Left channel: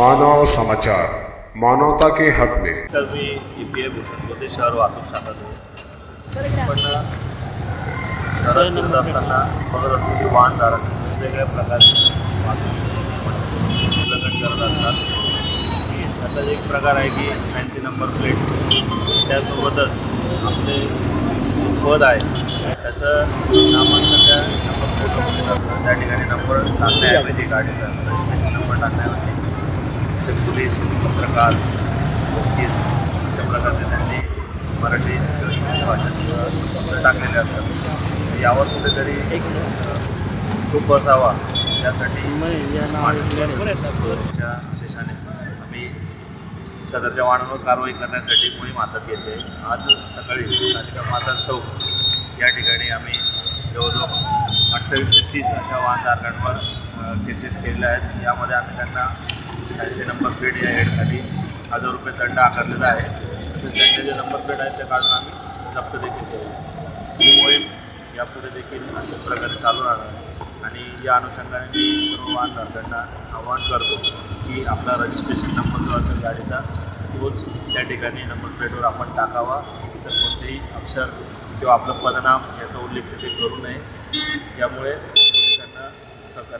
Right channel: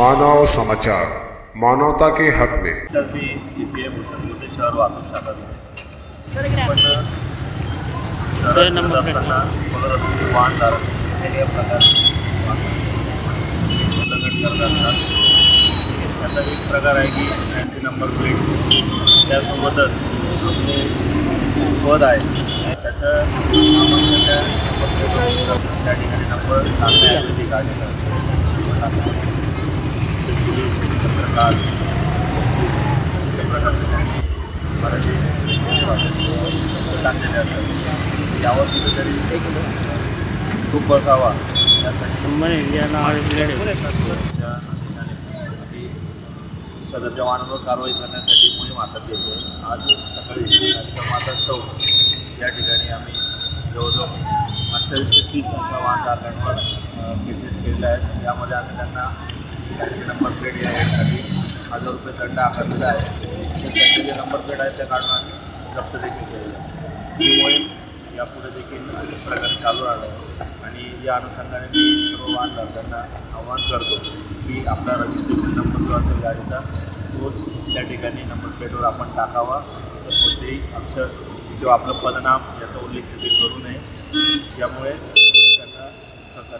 मानव समाचार, मानवता के हक में। तर मी EPA भूषणमध्ये शहर वाहतूक शाखा पण शहरात असताना बघत असतो की वाहनधारक वेगवेगळ्या प्रकारे वाहतूक उल्लंघन करत असतात। त्याचा एक प्रकार आहे की फॅन्सी नंबर प्लेट, त्यासोबतच आपले पद आहे त्याचं नामांकन त्या नंबर प्लेटवर करतं। त्या ठिकाणी नंबर टाकण्याऐवजी गाडीचा नंबर टाकण्याऐवजी पोलीस, पत्रकार, वकील अशा प्रकारचे त्यांनी मराठी भाषेत टाकलेले असतात। यावर कुठेतरी खूप बसावा यासाठी सुरक्षेच्या आदेशाने आम्ही सदरच्या वाहनांवर कारवाई करण्यासाठी मोहीम हातात घेतली आहे। आज सकाळी कालिका माता चौक या ठिकाणी आम्ही जवळजवळ 28 ते 30 अशा वाहनधारकांवर केसेस केलेल्या आहेत। यामध्ये आम्ही त्यांना फॅन्सी नंबर प्लेट या हेडखाली 1000 रुपये दंड आकारलेला आहे। तसेच त्यांचे जे नंबर प्लेट आहेत त्या काढून आम्ही जप्त देखील केलेला आहे। ही मोहीम यापुढे देखील अशाच प्रकारे चालू राहणार आहे आणि या अनुषंगाने मी सर्व वाहनधारकांना आवाहन करतो की आपला रजिस्ट्रेशन नंबर जो असेल गाडीचा तोच त्या ठिकाणी नंबर प्लेटवर आपण टाकावा। इतर कोणतेही अक्षर किंवा आपलं पदनाम याचा उल्लेख तिथे करू नये। यामुळे पोलिसांना सहकार्य